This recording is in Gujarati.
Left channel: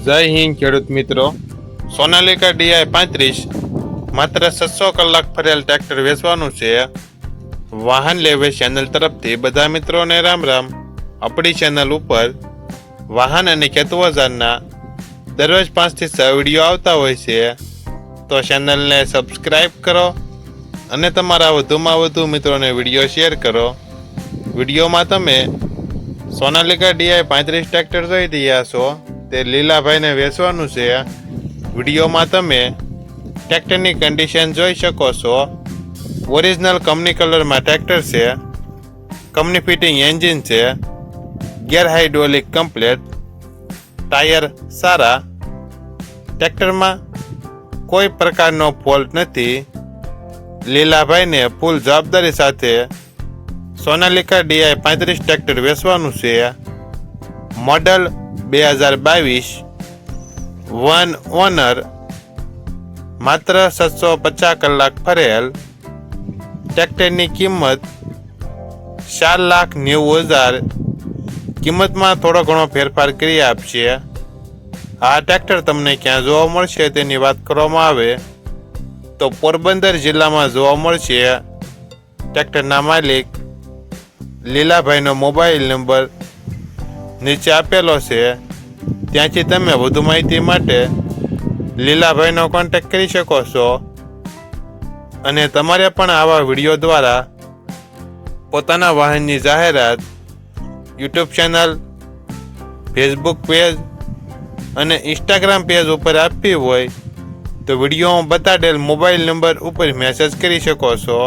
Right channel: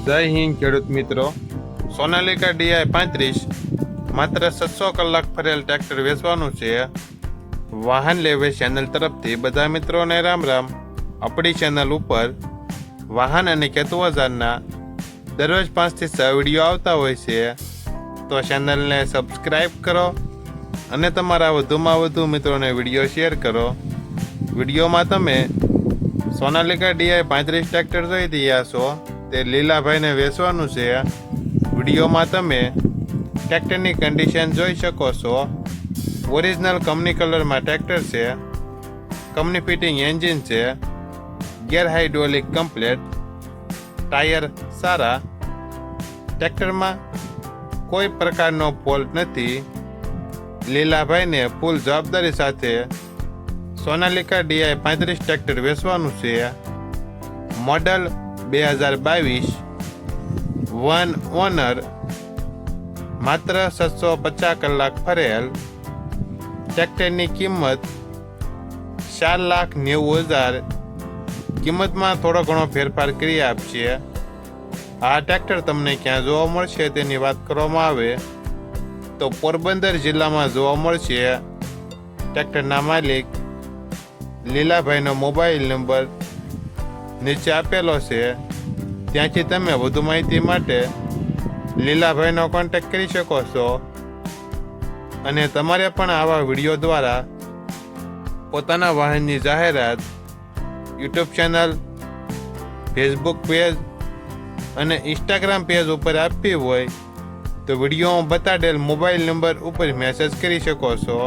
જય હિન્દ ખેડૂત મિત્રો. સોનાલિકા DI 35 માત્ર 600 કલાક ફરેલ ટ્રેક્ટર વેચવાનું છે. વાહન લેવે ચેનલ તરફથી બધા મિત્રોને રામ રામ. આપણી ચેનલ ઉપર વાહન અને ખેતવજારના દરરોજ 5 થી 6 વિડીયો આવતા હોય છે, તો ચેનલને સબસ્ક્રાઈબ કરો અને તમારા વધુમાં વધુ મિત્રોને વિડીયો શેર કરો. વિડીયોમાં તમે સોનાલિકા DI 35 ટ્રેક્ટર જોઈ રહ્યા છો, તે લીલાભાઈને વેચવાનું છે. વિડીયોમાં તમે ટ્રેક્ટરની કન્ડિશન જોઈ શકો છો. ઓરિજિનલ કંપની કલરમાં ટ્રેક્ટર છે. કંપની ફિટિંગ એન્જિન છે. ગેર હાઇડ્રોલિક કમ્પ્લેટ. ટાયર સારા. ટ્રેક્ટરમાં કોઈ પ્રકારનો ફોલ્ટ નથી. લીલાભાઈને ફૂલ જવાબદારી સાથે સોનાલિકા DI 35 ટ્રેક્ટર વેચવાનું છે. મોડલ 2022, વન ઓનર, માત્ર 750 કલાક ફરેલ. ટ્રેક્ટરની કિંમત 4,90,000. કિંમતમાં થોડો ઘણો ફેરફાર કરી આપશે. આ ટ્રેક્ટર તમને ક્યાં જોવા મળશે તેની વાત કરવામાં આવે તો પોરબંદર જિલ્લામાં જોવા મળશે. ટ્રેક્ટરના માલિક લીલાભાઈનો મોબાઈલ નંબર નીચે આપેલો છે, ત્યાંથી તમે વધુ માહિતી માટે લીલાભાઈનો કોન્ટેક્ટ કરી શકો છો. અને તમારે પણ આવા વિડીયો દ્વારા પોતાના વાહનની જાહેરાત યુટ્યુબ ચેનલ, ફેસબુક પેજ અને ઇન્સ્ટાગ્રામ પેજ ઉપર આપવી હોય તો વિડીયોમાં બતાડેલ મોબાઈલ નંબર ઉપર મેસેજ કરી શકો છો.